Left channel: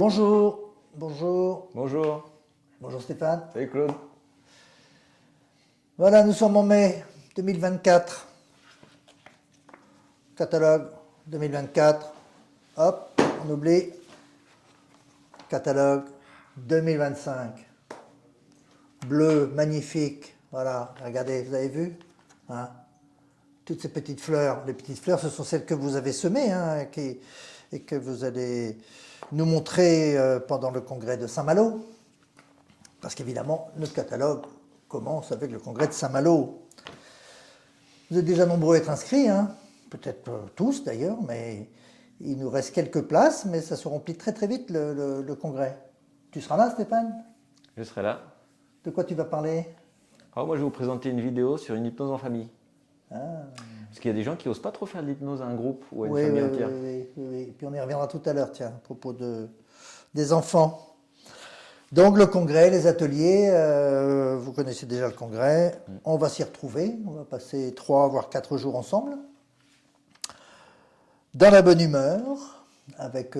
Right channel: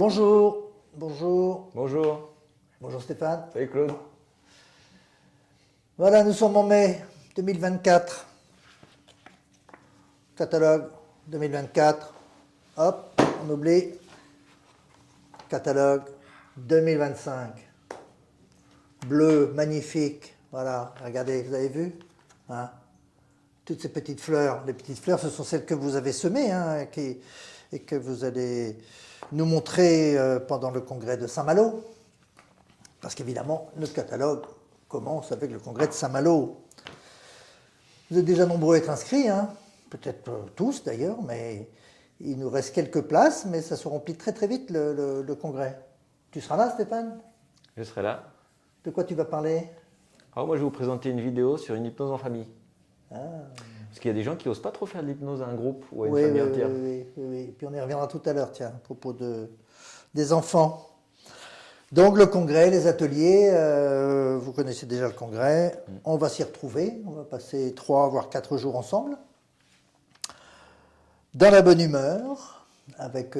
Bonjour, bonjour, Bonjour. bonjour Stéphane. Salut Claude. Voilà, nous sommes en mai 2024. Catalogue 2024. Hop, on oublie. Catalogue 2025. Bleu, magnifique. Voilà, regardez, vous avez vu hein, toutes ces petites fleurs. Les petites fleurs, ce sont celles que vous avez semées hein, et que vous allez nous montrer pendant le congrès de Saint-Malo. Parce qu'évidemment, notre catalogue commence avec le congrès de Saint-Malo. Vous êtes déjà nombreux à être inscrits, hein, peut-être tous d'ailleurs, mais il nous reste quelques places, mais ça se remplit très très vite le congrès. Tu seras là, Stéphane? Je serai là. De quoi tu vas parler? Moi, je vais vous présenter une vidéo sur une hypnose en famille. Ah. Parce qu'il y a des gens qui n'osent pas trop faire de l'hypnose à un groupe. Ou à une Oui, oui, famille oui, entière. oui, oui, oui. Et puis on y reviendra tout à l'heure, tiens, à propos des enfants. Donc le congrès, les ateliers, vous connaissez déjà le congrès. On va s'y retrouver, on va passer 3 voire 4 jours ensemble. Dans la bonne humeur, avec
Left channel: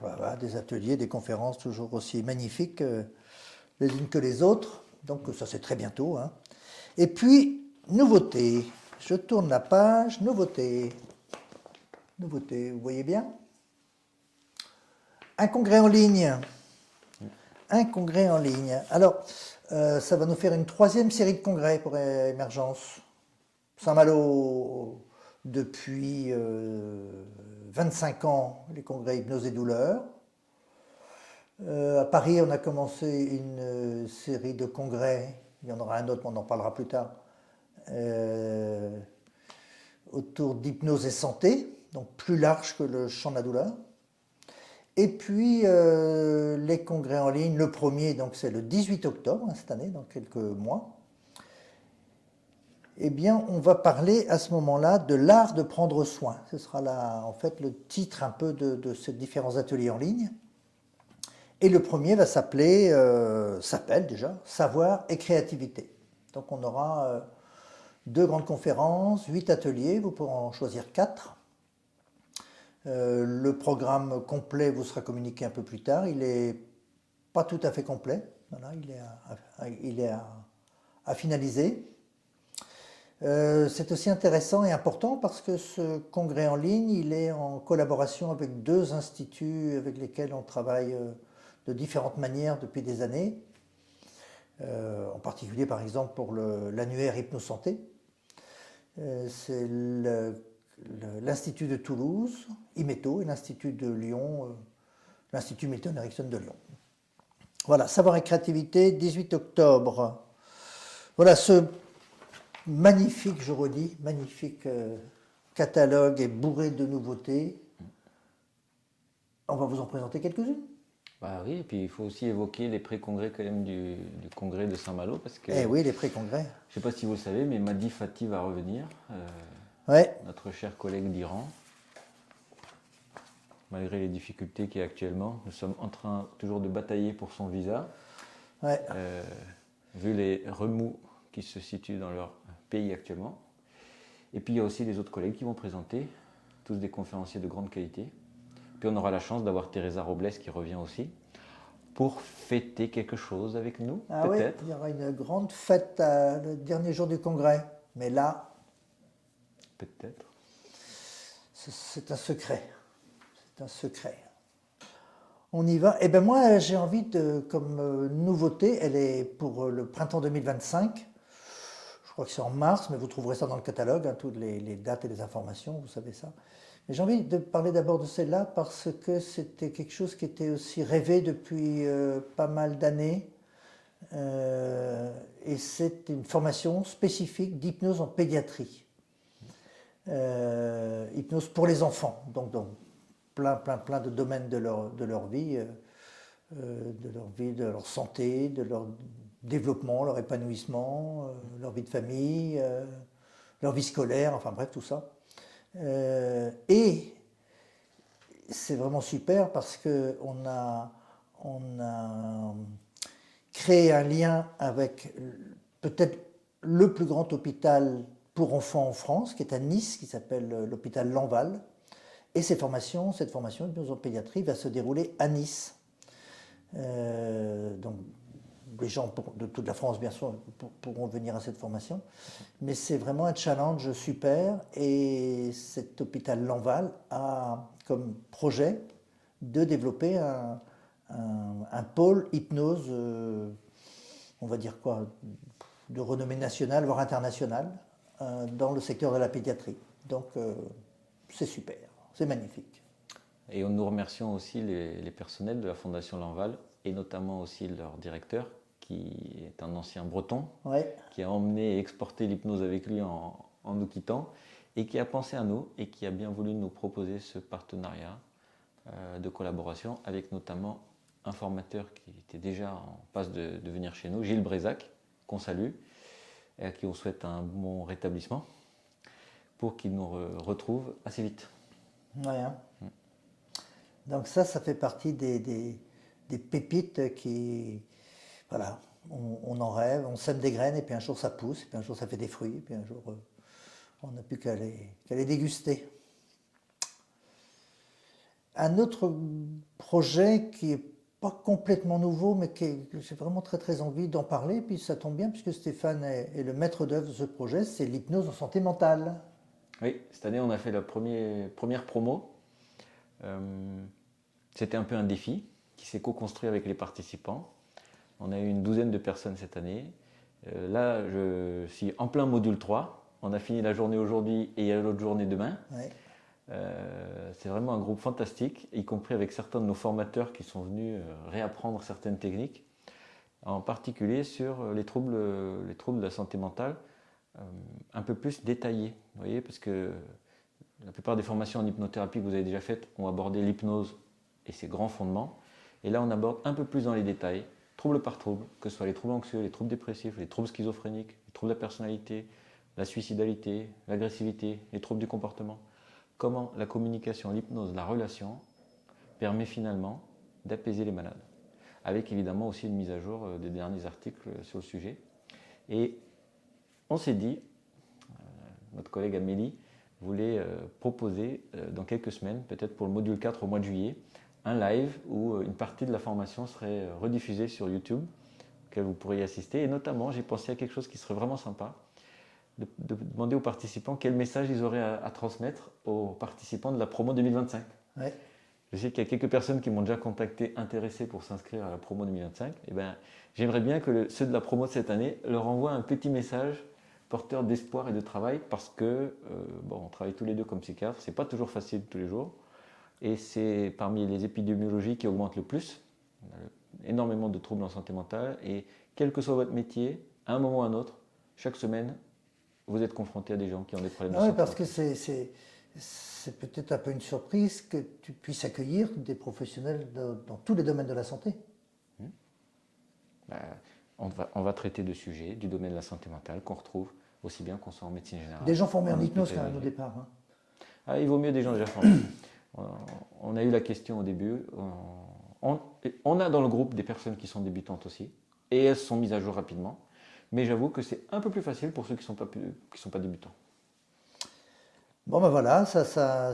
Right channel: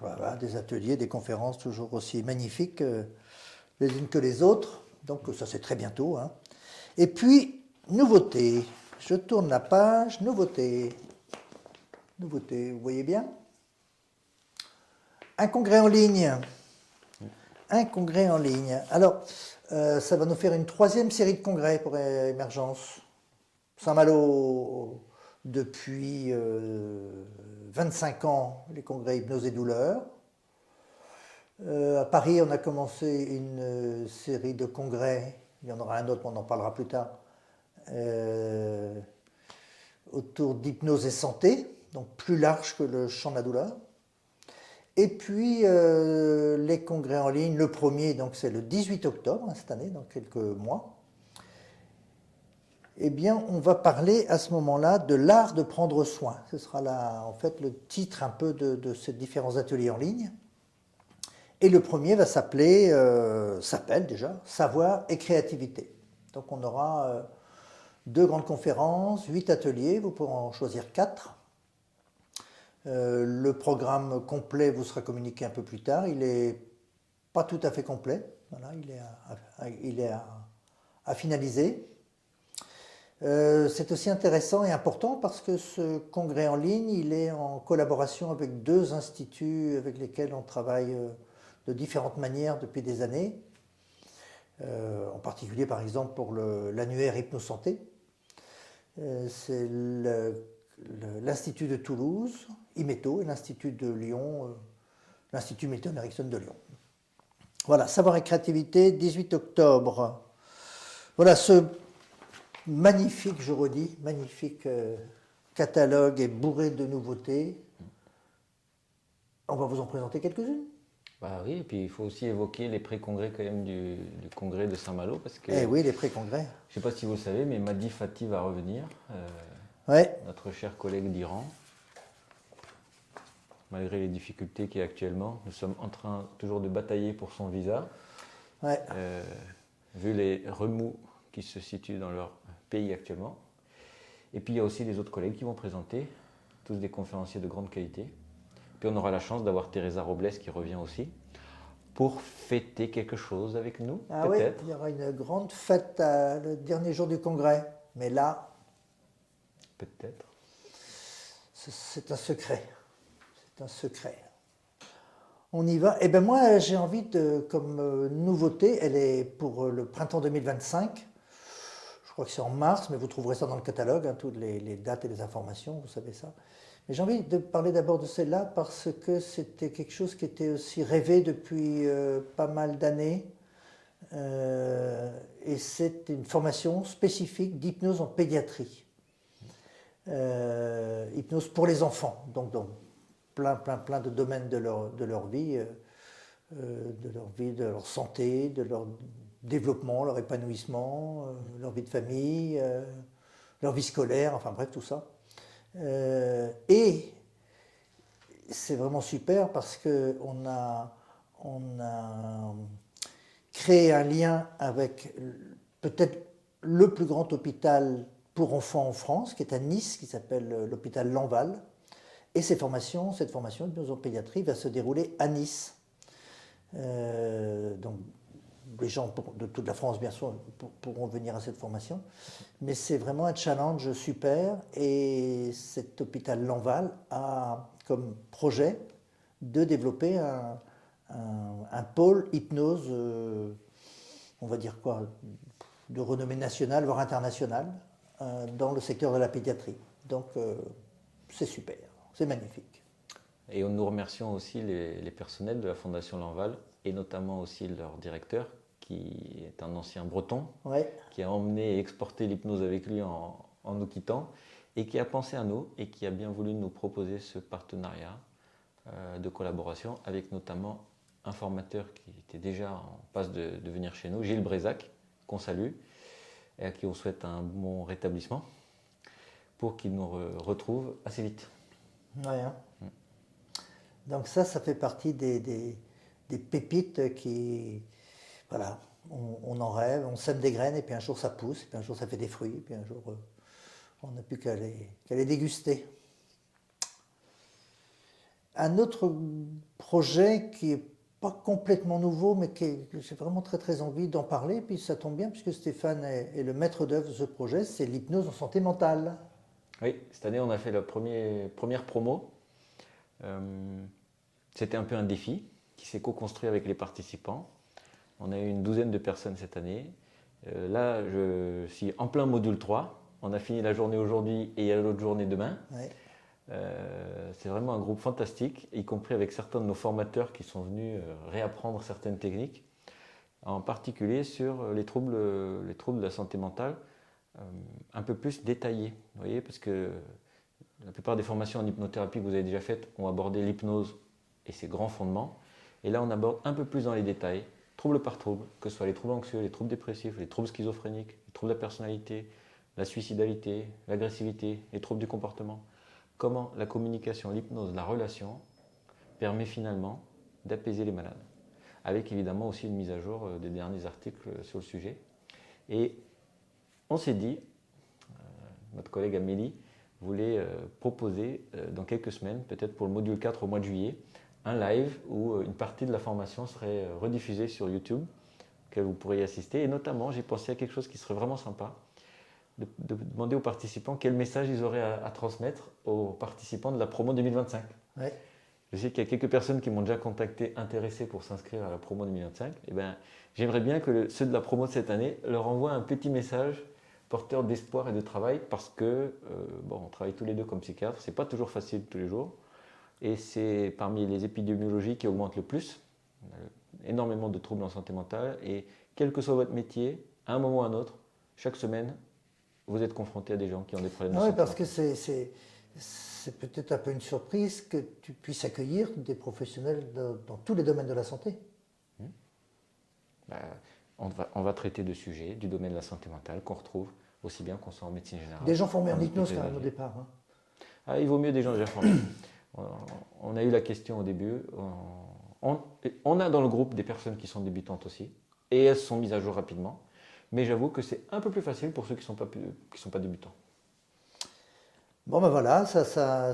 voilà, des ateliers, des conférences toujours aussi magnifiques les unes que les autres. Donc ça c'est très bientôt. Hein. Et puis, nouveauté. Je tourne la page, nouveauté. Nouveauté, vous voyez bien? Un congrès en ligne. Un congrès en ligne. Alors, ça va nous faire une 3e série de congrès pour Émergence. Saint-Malo, depuis 25 ans, les congrès hypnose et douleur. À Paris, on a commencé une série de congrès, il y en aura un autre, mais on en parlera plus tard, autour d'hypnose et santé, donc plus large que le champ de la douleur. Et puis les congrès en ligne, le premier, donc c'est le 18 octobre, hein, cette année, dans quelques mois. Eh bien, on va parler à ce moment-là de l'art de prendre soin. Ce sera là, en fait, le titre un peu de ces différents ateliers en ligne. Et le premier va s'appelle déjà Savoir et créativité. Donc on aura 2 grandes conférences, 8 ateliers, vous pourrez en choisir 4. Le programme complet vous sera communiqué un peu plus tard. Il n'est pas tout à fait complet. Voilà, il est à finaliser. C'est aussi intéressant et important parce que ce congrès en ligne, il est en collaboration avec 2 instituts avec lesquels on travaille de différentes manières depuis des années. En particulier, par exemple, pour l'annuaire Hypnosanté. C'est l'Institut de Toulouse, IMETO, et l'Institut de Lyon, l'Institut Milton Erickson de Lyon. Voilà, Savoir et créativité, 18 octobre. Voilà, ce magnifique, je redis, magnifique catalogue est bourré de nouveautés. On va vous en présenter quelques-unes. Ah oui, et puis il faut aussi évoquer les pré-congrès quand même du congrès de Saint-Malo. Eh oui, les pré-congrès. Je ne sais pas si vous savez, mais Madi Fati va revenir. Ouais. Notre cher collègue d'Iran. Malgré les difficultés qu'il y a actuellement, nous sommes en train toujours de batailler pour son visa. Ouais. Vu les remous qui se situent dans leur pays actuellement. Et puis il y a aussi les autres collègues qui vont présenter, tous des conférenciers de grande qualité. Puis on aura la chance d'avoir Teresa Robles qui revient aussi pour fêter quelque chose avec nous. Ah oui, il y aura une grande fête le dernier jour du congrès. Mais là, Peut-être. c'est un secret. C'est un secret. On y va. Eh bien moi, j'ai envie de, comme nouveauté, elle est pour le printemps 2025. Je crois que c'est en mars, mais vous trouverez ça dans le catalogue, hein, toutes les dates et les informations, vous savez ça. Mais j'ai envie de parler d'abord de celle-là parce que c'était quelque chose qui était aussi rêvé depuis pas mal d'années. Et c'est une formation spécifique d'hypnose en pédiatrie. Hypnose pour les enfants, donc dans plein de domaines de leur vie, de leur santé, de leur développement, leur épanouissement, leur vie de famille, leur vie scolaire, enfin bref, tout ça. Et c'est vraiment super parce qu'on a créé un lien avec peut-être le plus grand hôpital pour enfants en France, qui est à Nice, qui s'appelle l'hôpital Lanval. Et cette formation d'hypnose en pédiatrie va se dérouler à Nice. Donc, les gens de toute la France, bien sûr, pourront venir à cette formation. Mais c'est vraiment un challenge super. Et cet hôpital Lanval a comme projet de développer un pôle hypnose, on va dire quoi, de renommée nationale, voire internationale, dans le secteur de la pédiatrie. Donc, c'est super, c'est magnifique. Et nous remercions aussi les personnels de la Fondation Lanval, et notamment aussi leur directeur, qui est un ancien breton, Ouais. qui a emmené et exporté l'hypnose avec lui en nous quittant, et qui a pensé à nous, et qui a bien voulu nous proposer ce partenariat de collaboration, avec notamment un formateur qui était déjà en passe de venir chez nous, Gilles Brézac, qu'on salue, et à qui on souhaite un bon rétablissement, pour qu'il nous retrouve assez vite. Ouais, hein. Donc ça fait partie des pépites qui, voilà, on en rêve, on sème des graines, et puis un jour ça pousse, et puis un jour ça fait des fruits, et puis un jour on n'a plus qu'à les déguster. Un autre projet qui n'est pas complètement nouveau, mais que j'ai vraiment très très envie d'en parler, puis ça tombe bien puisque Stéphane est le maître d'œuvre de ce projet, c'est l'hypnose en santé mentale. Oui, cette année on a fait la première promo. C'était un peu un défi qui s'est co-construit avec les participants. On a eu une douzaine de personnes cette année. Là, je suis en plein module 3. On a fini la journée aujourd'hui et il y a l'autre journée demain. Ouais. C'est vraiment un groupe fantastique, y compris avec certains de nos formateurs qui sont venus réapprendre certaines techniques, en particulier sur les troubles de la santé mentale, un peu plus détaillés. Vous voyez, parce que la plupart des formations en hypnothérapie que vous avez déjà faites ont abordé l'hypnose et ses grands fondements. Et là, on aborde un peu plus dans les détails, trouble par trouble, que ce soit les troubles anxieux, les troubles dépressifs, les troubles schizophréniques, les troubles de la personnalité, la suicidalité, l'agressivité, les troubles du comportement. Comment la communication, l'hypnose, la relation permet finalement d'apaiser les malades. Avec évidemment aussi une mise à jour des derniers articles sur le sujet. Et on s'est dit, notre collègue Amélie voulait proposer dans quelques semaines, peut-être pour le module 4 au mois de juillet, un live où une partie de la formation serait rediffusée sur YouTube, que vous pourriez assister. Et notamment, j'ai pensé à quelque chose qui serait vraiment sympa, de demander aux participants quel message ils auraient à transmettre aux participants de la promo 2025. Ouais. Je sais qu'il y a quelques personnes qui m'ont déjà contacté intéressées pour s'inscrire à la promo 2025. Et ben, j'aimerais bien que ceux de la promo de cette année leur envoient un petit message porteur d'espoir et de travail, parce que bon, on travaille tous les deux comme psychiatres, c'est pas toujours facile tous les jours, et c'est parmi les épidémiologies qui augmentent le plus, énormément de troubles en santé mentale, et quel que soit votre métier, à un moment ou à un autre, chaque semaine, vous êtes confronté à des gens qui ont des problèmes. Ah oui, parce que c'est peut-être un peu une surprise que tu puisses accueillir des professionnels dans tous les domaines de la santé. On va traiter de sujets du domaine de la santé mentale qu'on retrouve aussi bien qu'on soit en médecine générale. Des gens formés en hypnose quand même au départ. Hein. Ah, il vaut mieux des gens. On a eu la question au début. On a dans le groupe des personnes qui sont débutantes aussi, et elles sont mises à jour rapidement. Mais j'avoue que c'est un peu plus facile pour ceux qui ne sont pas débutants. Bon ben voilà,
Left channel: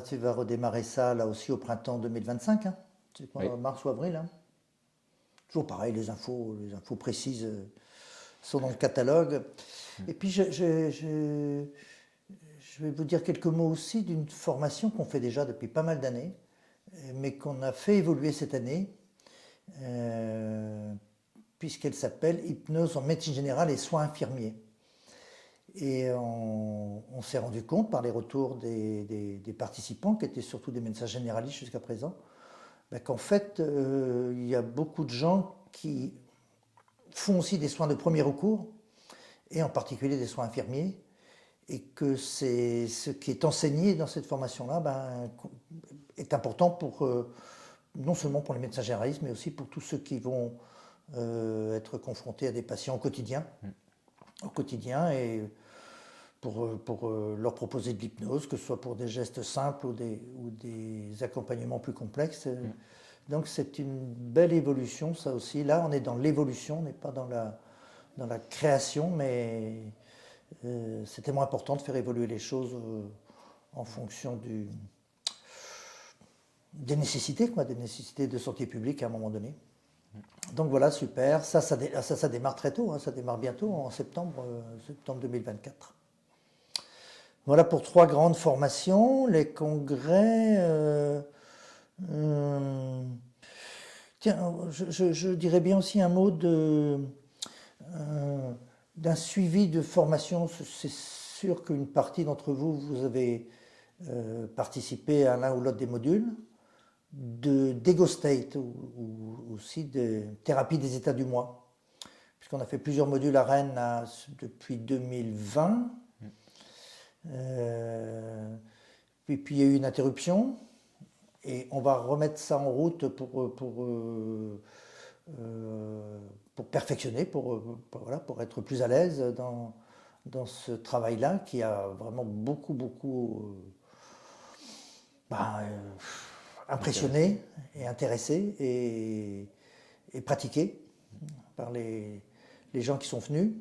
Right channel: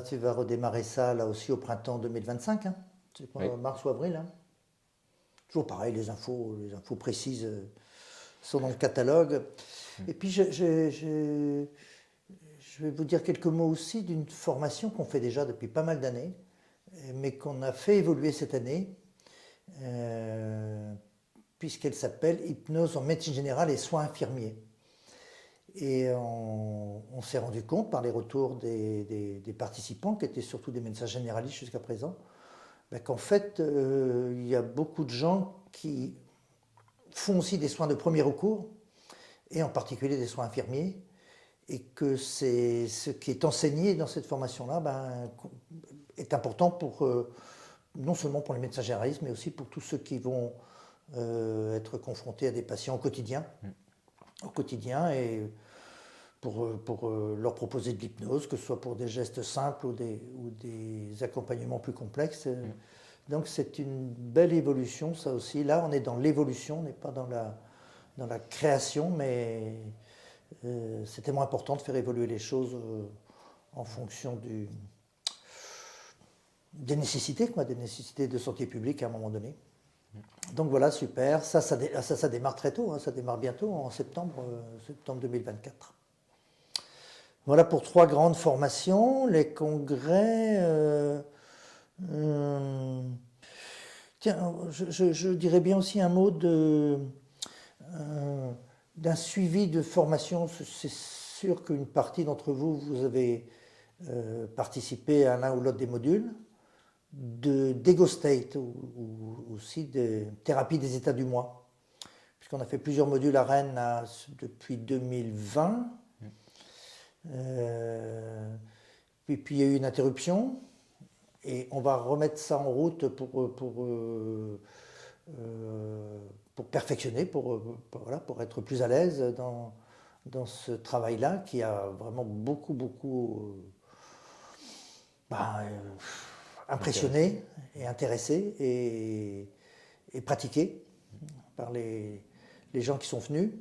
tu vas redémarrer ça là aussi au printemps 2025. Hein. C'est quoi, oui. Mars ou avril. Hein. Toujours pareil, les infos précises sont dans le catalogue. Et puis je vais vous dire quelques mots aussi d'une formation qu'on fait déjà depuis pas mal d'années, mais qu'on a fait évoluer cette année, puisqu'elle s'appelle Hypnose en médecine générale et soins infirmiers. Et on s'est rendu compte par les retours des participants, qui étaient surtout des médecins généralistes jusqu'à présent, qu'en fait, il y a beaucoup de gens qui font aussi des soins de premier recours, et en particulier des soins infirmiers, et que ce qui est enseigné dans cette formation-là est important pour, non seulement pour les médecins généralistes, mais aussi pour tous ceux qui vont être confrontés à des patients au quotidien, et pour leur proposer de l'hypnose, que ce soit pour des gestes simples ou des accompagnements plus complexes. Donc c'est une belle évolution, ça aussi. Là, on est dans l'évolution, on n'est pas dans la création, mais c'est tellement important de faire évoluer les choses en fonction des nécessités de santé publique à un moment donné. Donc voilà, super. Ça démarre très tôt, hein, ça démarre bientôt, en septembre 2024. Voilà pour 3 grandes formations. Les congrès... tiens, je dirais bien aussi un mot d'un suivi de formation. C'est sûr qu'une partie d'entre vous, vous avez participé à l'un ou l'autre des modules d'Ego State ou aussi de thérapie des états du moi. Puisqu'on a fait plusieurs modules à Rennes depuis 2020. Puis il y a eu une interruption. Et on va remettre ça en route pour perfectionner, voilà, pour être plus à l'aise dans ce travail-là qui a vraiment beaucoup impressionné et intéressé et pratiqué par les gens qui sont venus.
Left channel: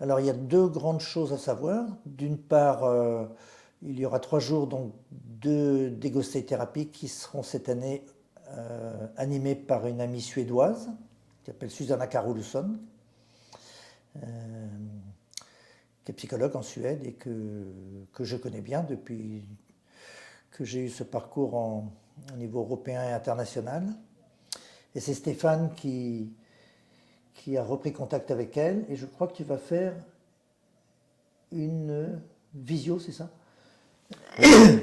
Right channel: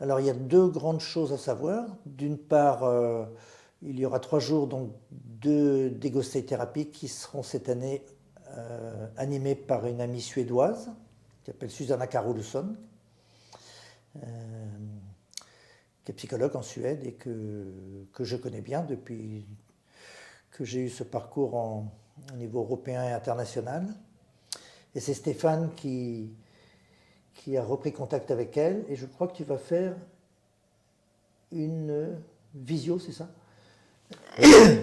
Alors il y a 2 grandes choses à savoir. D'une part, il y aura 3 jours donc d'Ego State Therapy qui seront cette année animés par une amie suédoise qui s'appelle Susanna Carolsson, qui est psychologue en Suède et que je connais bien depuis que j'ai eu ce parcours au niveau européen et international. Et c'est Stéphane qui a repris contact avec elle. Et je crois que tu vas faire une visio, c'est ça?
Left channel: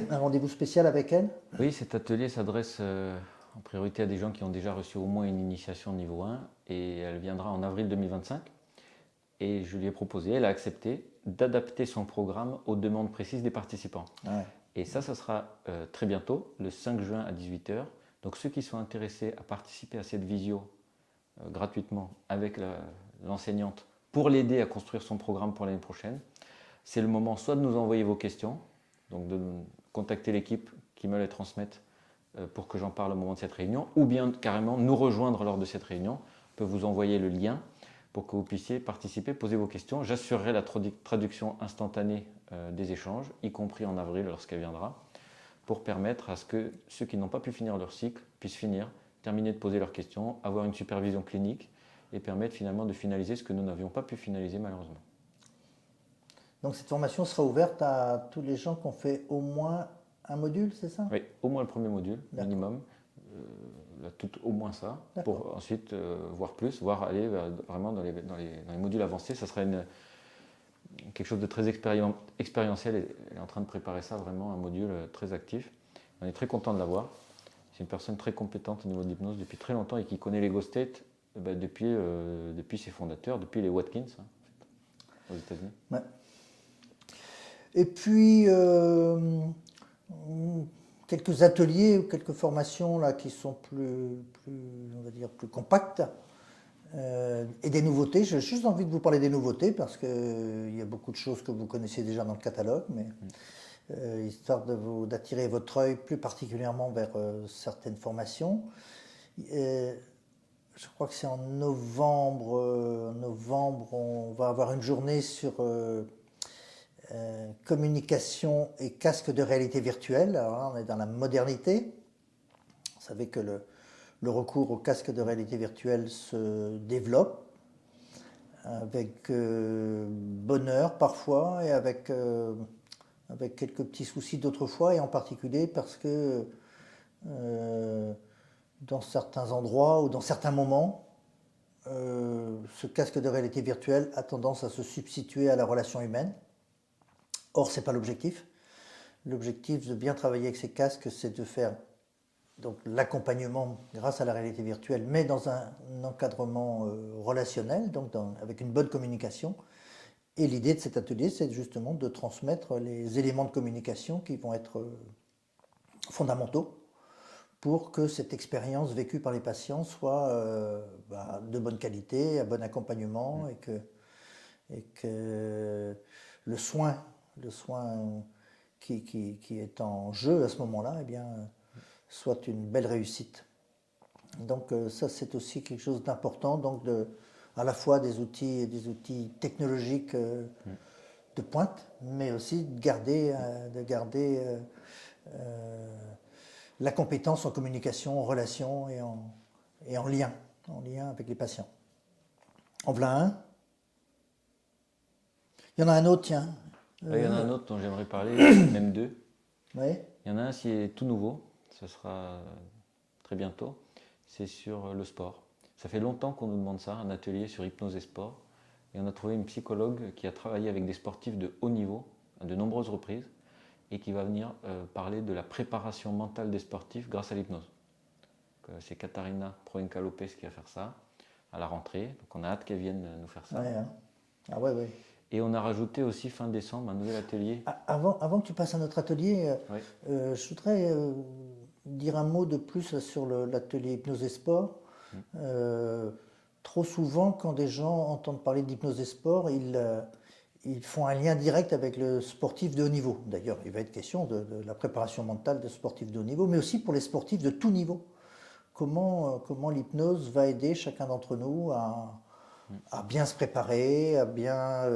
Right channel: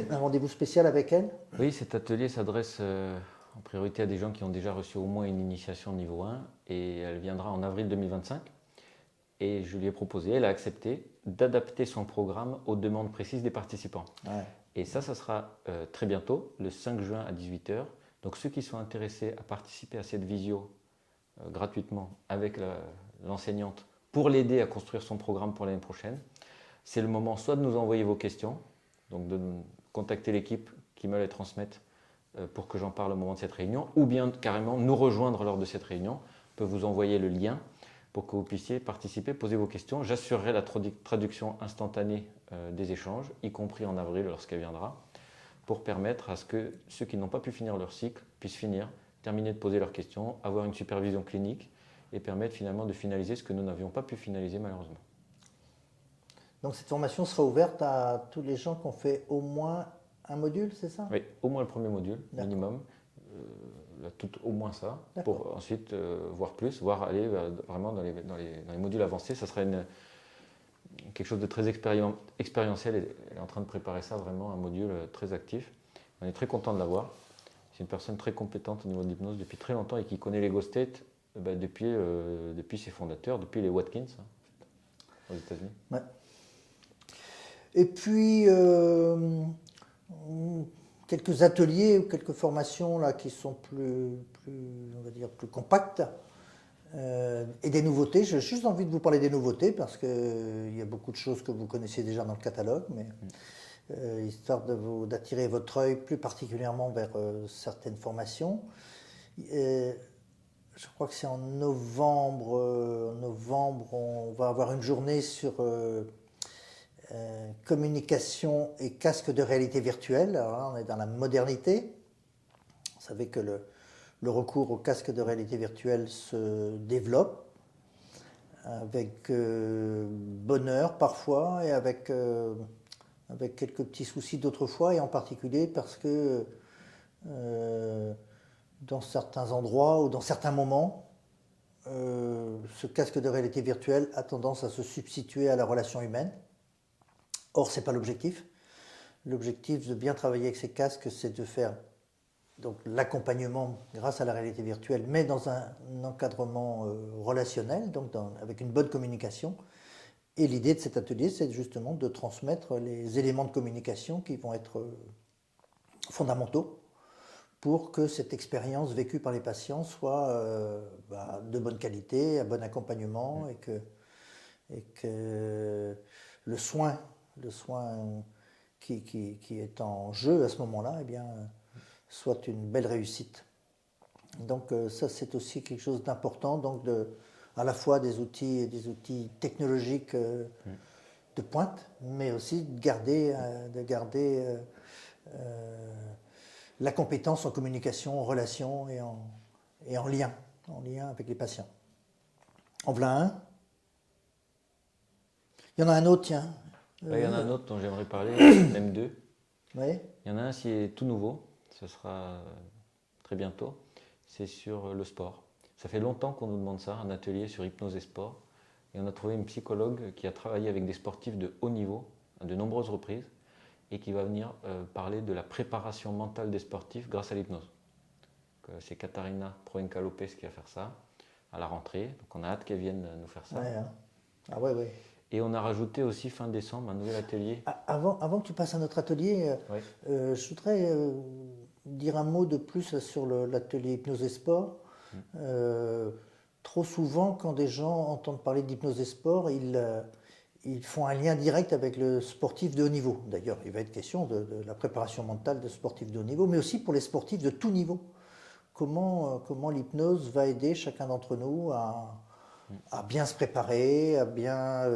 Un rendez-vous spécial avec elle? Oui, cet atelier s'adresse en priorité à des gens qui ont déjà reçu au moins une initiation niveau 1 et elle viendra en avril 2025. Et je lui ai proposé, elle a accepté d'adapter son programme aux demandes précises des participants. Ouais. Et ça sera très bientôt, le 5 juin à 18h. Donc ceux qui sont intéressés à participer à cette visio gratuitement avec l'enseignante pour l'aider à construire son programme pour l'année prochaine, c'est le moment soit de nous envoyer vos questions, donc de contacter l'équipe qui me les transmette pour que j'en parle au moment de cette réunion, ou bien carrément nous rejoindre lors de cette réunion. Je peux vous envoyer le lien pour que vous puissiez participer, poser vos questions. J'assurerai la traduction instantanée des échanges, y compris en avril lorsqu'elle viendra, pour permettre à ce que ceux qui n'ont pas pu finir leur cycle puissent finir, terminer de poser leurs questions, avoir une supervision clinique et permettre finalement de finaliser ce que nous n'avions pas pu finaliser malheureusement. Donc cette formation sera ouverte à tous les gens qui ont fait au moins un module, c'est ça? Oui, au moins le premier module, minimum. Au moins ça. D'accord. Pour ensuite voir plus, voir aller vraiment dans les modules avancés. Ça sera quelque chose de très expérientiel et en train de préparer ça vraiment un module très actif. On est très content de l'avoir. C'est une personne très compétente depuis très longtemps et qui connaît l'Ego State depuis ses fondateurs, depuis les Watkins. Ouais. Et puis quelques ateliers ou quelques formations là qui sont on va dire plus compactes et des nouveautés. J'ai juste envie de vous parler des nouveautés parce qu'il y a beaucoup de choses que vous connaissez déjà dans le catalogue, mais histoire d'attirer votre œil plus particulièrement vers certaines formations. Je crois que c'est en novembre. On va avoir une journée sur communication et casque de réalité virtuelle. Alors là, on est dans la modernité. Vous savez que le recours au casque de réalité virtuelle se développe avec bonheur parfois et avec quelques petits soucis d'autres fois, et en particulier parce que dans certains endroits ou dans certains moments, ce casque de réalité virtuelle a tendance à se substituer à la relation humaine. Or, ce n'est pas l'objectif. L'objectif de bien travailler avec ces casques, c'est de faire donc l'accompagnement grâce à la réalité virtuelle, mais dans un encadrement relationnel, donc avec une bonne communication. Et l'idée de cet atelier, c'est justement de transmettre les éléments de communication qui vont être fondamentaux pour que cette expérience vécue par les patients soit de bonne qualité, à bon accompagnement, et que le soin qui est en jeu à ce moment-là, eh bien, soit une belle réussite. Donc ça, c'est aussi quelque chose d'important, donc à la fois des outils technologiques de pointe, mais aussi de garder la compétence en communication, en relation et en lien. en lien avec les patients. En voilà un. Il y en a un autre, tiens. Il y en a un autre dont j'aimerais parler, même deux. Ouais. Il y en a un, c'est tout nouveau, ça sera très bientôt, c'est sur le sport. Ça fait longtemps qu'on nous demande ça, un atelier sur hypnose et sport. Et on a trouvé une psychologue qui a travaillé avec des sportifs de haut niveau, à de nombreuses reprises, et qui va venir parler de la préparation mentale des sportifs grâce à l'hypnose. C'est Katharina Proença-Lopez qui va faire ça à la rentrée. On a hâte qu'elle vienne nous faire ça. Ouais, hein. Ah ouais, ouais. Et on a rajouté aussi fin décembre un nouvel atelier. Avant que tu passes à notre atelier, je voudrais dire un mot de plus sur l'atelier hypnose et sport. Trop souvent, quand des gens entendent parler d'hypnose et sport, ils font un lien direct avec le sportif de haut niveau. D'ailleurs, il va être question de la préparation mentale des sportifs de haut niveau, mais aussi pour les sportifs de tout niveau. Comment l'hypnose va aider chacun d'entre nous à bien se préparer, à bien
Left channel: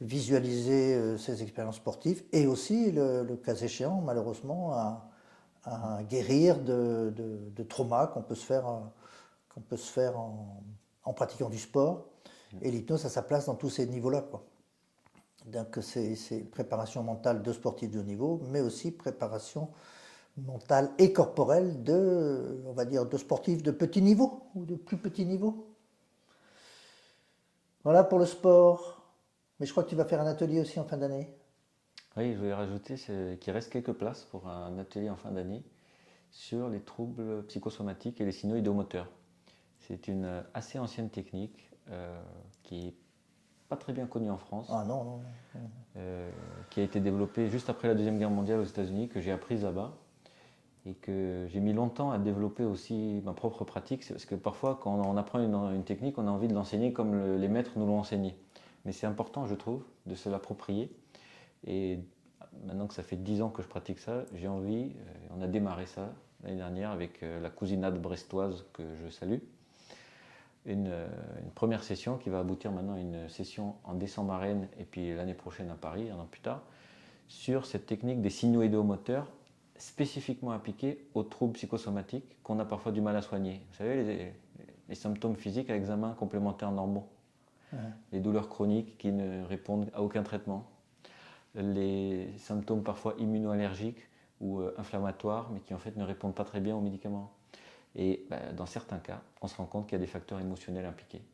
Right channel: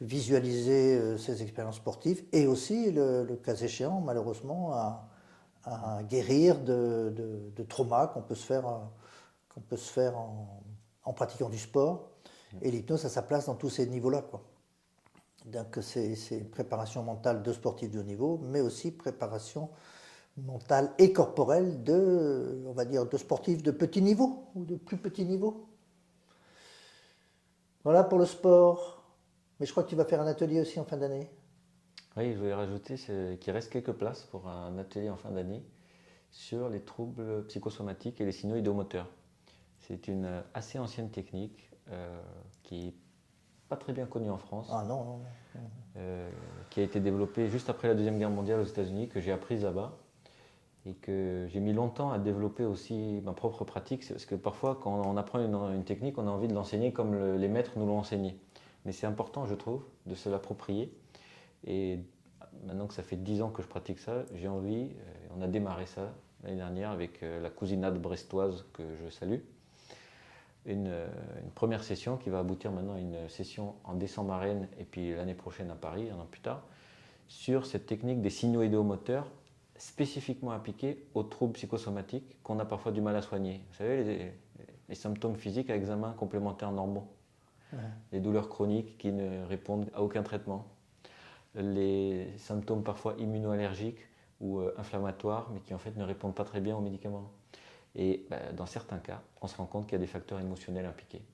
visualiser ses expériences sportives et aussi, le cas échéant, malheureusement, à guérir de traumas qu'on peut se faire en pratiquant du sport. Et l'hypnose a sa place dans tous ces niveaux-là, quoi. Donc c'est préparation mentale de sportifs de haut niveau, mais aussi préparation mentale et corporelle on va dire, de sportifs de petit niveau ou de plus petit niveau. Voilà pour le sport. Mais je crois que tu vas faire un atelier aussi en fin d'année. Oui, je voulais rajouter qu'il reste quelques places pour un atelier en fin d'année sur les troubles psychosomatiques et les signaux idomoteurs. C'est une assez ancienne technique qui n'est pas très bien connue en France. Ah non, non, non. Qui a été développée juste après la Deuxième Guerre mondiale aux États-Unis, que j'ai apprise là-bas. Et que j'ai mis longtemps à développer aussi ma propre pratique. C'est parce que parfois, quand on apprend une technique, on a envie de l'enseigner comme les maîtres nous l'ont enseigné. Mais c'est important, je trouve, de se l'approprier. Et maintenant que ça fait 10 ans que je pratique ça, j'ai envie, on a démarré ça l'année dernière avec la cousinade brestoise que je salue. Une première session qui va aboutir maintenant à une session en décembre à Rennes et puis l'année prochaine à Paris, un an plus tard, sur cette technique des signaux idomoteurs spécifiquement appliqués aux troubles psychosomatiques qu'on a parfois du mal à soigner. Vous savez, les symptômes physiques à examen complémentaire normaux, les douleurs chroniques qui ne répondent à aucun traitement, les symptômes parfois immunoallergiques ou inflammatoires, mais qui en fait ne répondent pas très bien aux médicaments. Et dans certains cas, on se rend compte qu'il y a des facteurs émotionnels impliqués.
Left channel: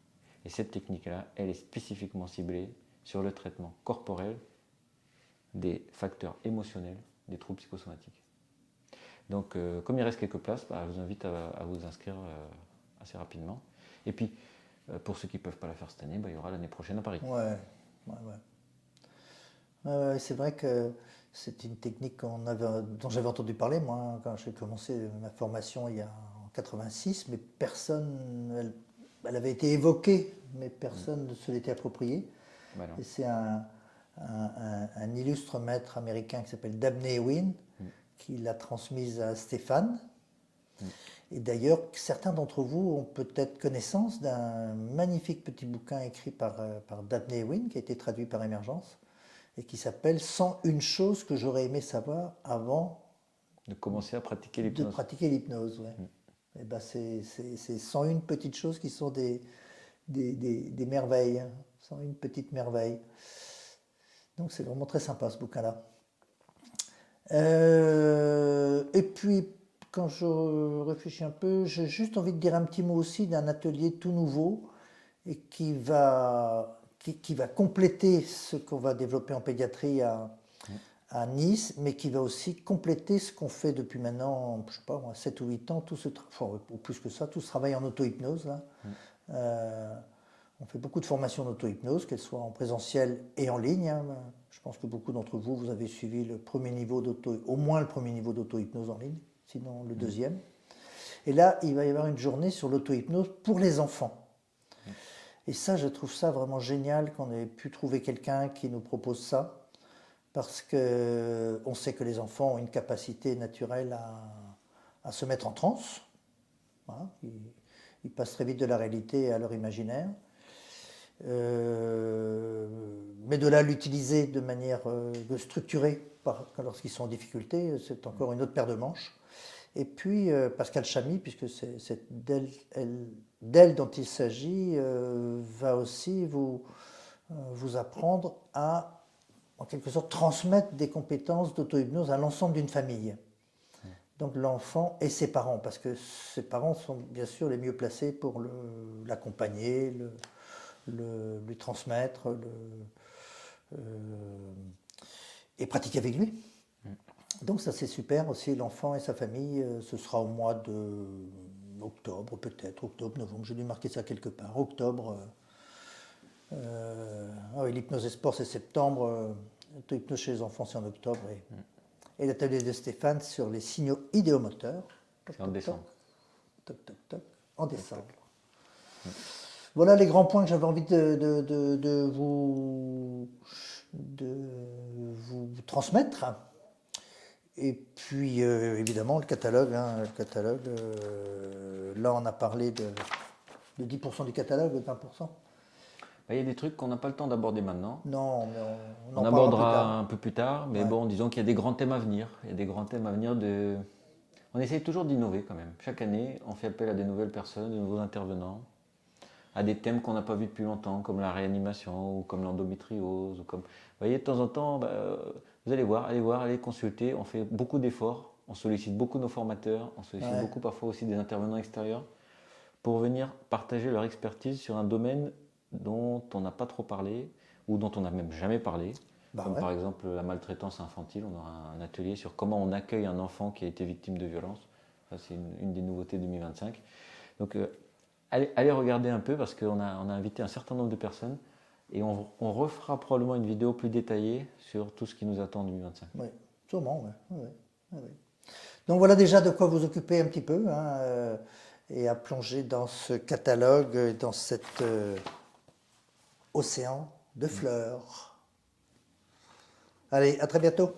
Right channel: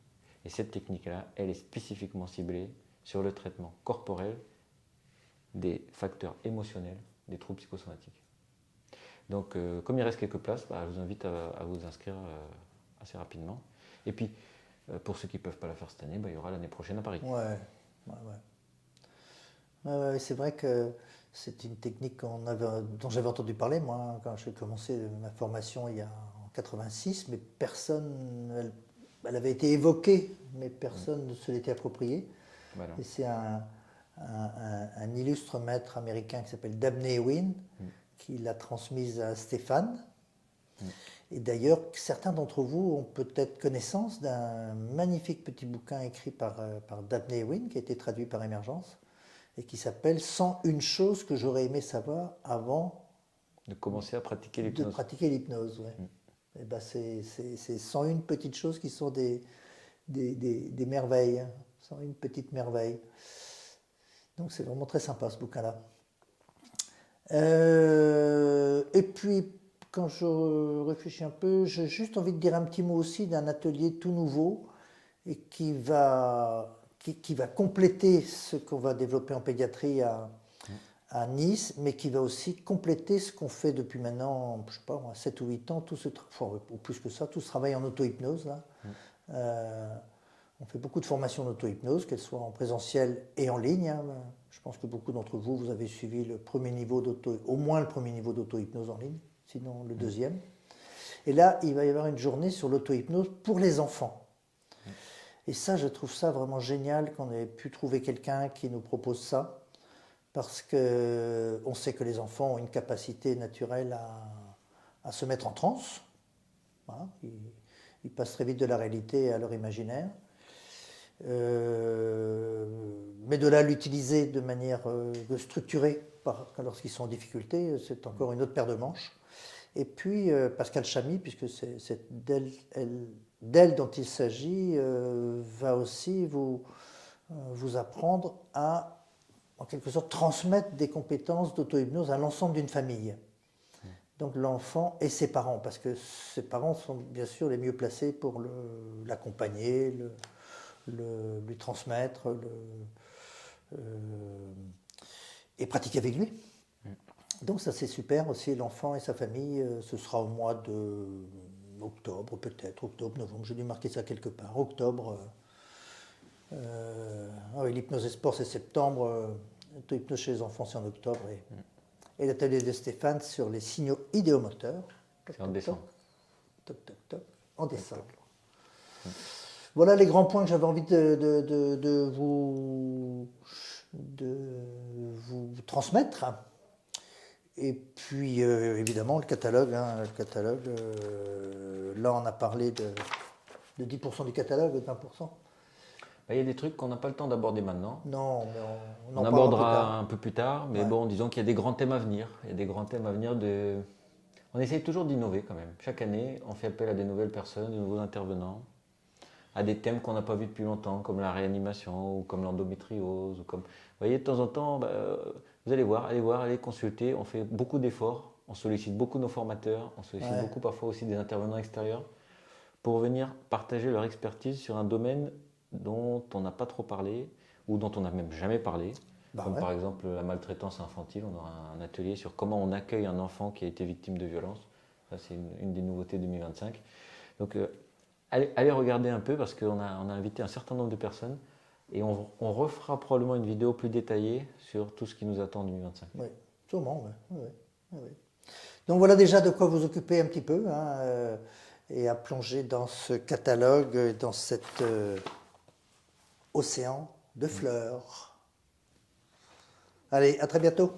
Et cette technique-là, elle est spécifiquement ciblée sur le traitement corporel des facteurs émotionnels des troubles psychosomatiques. Donc, comme il reste quelques places, je vous invite à vous inscrire assez rapidement. Et puis, pour ceux qui ne peuvent pas la faire cette année, il y aura l'année prochaine à Paris. Ouais, c'est vrai que c'est une technique dont j'avais entendu parler, moi, quand j'ai commencé ma formation en 86, mais personne, elle avait été évoquée, mais personne ne se l'était appropriée. Voilà. Et c'est un illustre maître américain qui s'appelle Dabney Wynne qui l'a transmise à Stéphane. Et d'ailleurs, certains d'entre vous ont peut-être connaissance d'un magnifique petit bouquin écrit par Dabney Wynne, qui a été traduit par Émergence, et qui s'appelle « 101 choses que j'aurais aimé savoir avant de pratiquer l'hypnose ». Ouais. Et ben c'est 101 petites choses qui sont des merveilles, 101 petites merveilles. Donc c'est vraiment très sympa ce bouquin-là. Et puis, quand je réfléchis un peu, j'ai juste envie de dire un petit mot aussi d'un atelier tout nouveau et qui va compléter ce qu'on va développer en pédiatrie à Nice, mais qui va aussi compléter ce qu'on fait depuis maintenant, je sais pas moi, 7 ou 8 ans, ou plus que ça, tout ce travail en auto-hypnose. Là. On fait beaucoup de formations en auto-hypnose, qu'elles soient en présentiel et en ligne. Hein. Je pense que beaucoup d'entre vous, vous avez suivi au moins le premier niveau d'auto-hypnose en ligne, sinon le deuxième. Et là, il va y avoir une journée sur l'auto-hypnose pour les enfants. Et ça, je trouve ça vraiment génial qu'on ait pu trouver quelqu'un qui nous propose ça, parce qu'on sait que les enfants ont une capacité naturelle à se mettre en transe. Voilà. Ils passent très vite de la réalité à leur imaginaire. Mais de là l'utiliser de manière structurée lorsqu'ils sont en difficulté, c'est encore une autre paire de manches. Et puis Pascal Chamy, puisque c'est d'elle dont il s'agit, va aussi vous apprendre à, en quelque sorte, transmettre des compétences d'auto-hypnose à l'ensemble d'une famille. Donc l'enfant et ses parents, parce que ses parents sont bien sûr les mieux placés pour l'accompagner, lui transmettre et pratiquer avec lui. Donc ça c'est super aussi, l'enfant et sa famille, ce sera au mois d'octobre peut-être, octobre, novembre, j'ai dû marquer ça quelque part, octobre. Oui, l'hypnose et sport c'est septembre, l'auto-hypnose chez les enfants c'est en octobre et l'atelier de Stéphane sur les signaux idéomoteurs, en décembre. Voilà les grands points que j'avais envie de vous transmettre. Et puis évidemment le catalogue, là on a parlé de 10% du catalogue, de 20%. Il y a des trucs qu'on n'a pas le temps d'aborder maintenant. Non, mais on en parlera plus tard. Un peu plus tard, mais bon, disons qu'il y a des grands thèmes à venir. Il y a des grands thèmes à venir On essaye toujours d'innover quand même. Chaque année, on fait appel à des nouvelles personnes, de nouveaux intervenants, à des thèmes qu'on n'a pas vus depuis longtemps, comme la réanimation, comme l'endométriose. Vous voyez, de temps en temps, vous allez voir, allez consulter. On fait beaucoup d'efforts, on sollicite beaucoup nos formateurs, on sollicite beaucoup parfois aussi des intervenants extérieurs pour venir partager leur expertise sur un domaine dont on n'a pas trop parlé ou dont on n'a même jamais parlé. Par exemple, la maltraitance infantile, on aura un atelier sur comment on accueille un enfant qui a été victime de violence. C'est une des nouveautés 2025. Donc allez regarder un peu parce qu'on a invité un certain nombre de personnes et on refera probablement une vidéo plus détaillée sur tout ce qui nous attend en 2025. Oui, sûrement, oui. Donc voilà déjà de quoi vous occuper un petit peu et à plonger dans ce catalogue, dans cet océan de fleurs. Allez, à très bientôt.